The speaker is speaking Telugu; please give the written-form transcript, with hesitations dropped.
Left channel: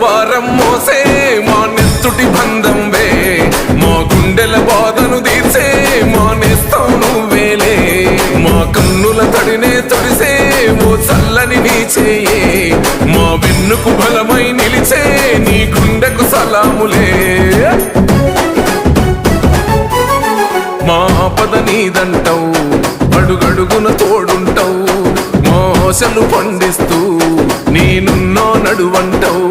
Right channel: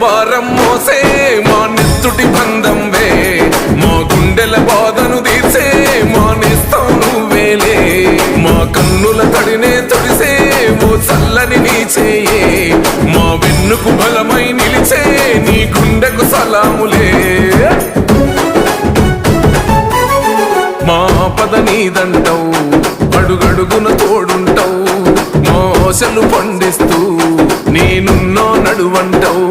భారం మోసే మా నెత్తుటి బంధంవే, మా గుండెల బాధను తీర్చే మా నేస్తం నువ్వేలే. మా కన్నుల తడినే తొడిసే ఓ చల్లని నీ చేయే, మా వెన్నుకు బలమై నిలిచే నీ గుండెకు సలాములే. మా పద నీదంటావు, అడుగడుగున తోడుంటావు, మోసలు పండిస్తూ నేనున్నో నడువంటావు.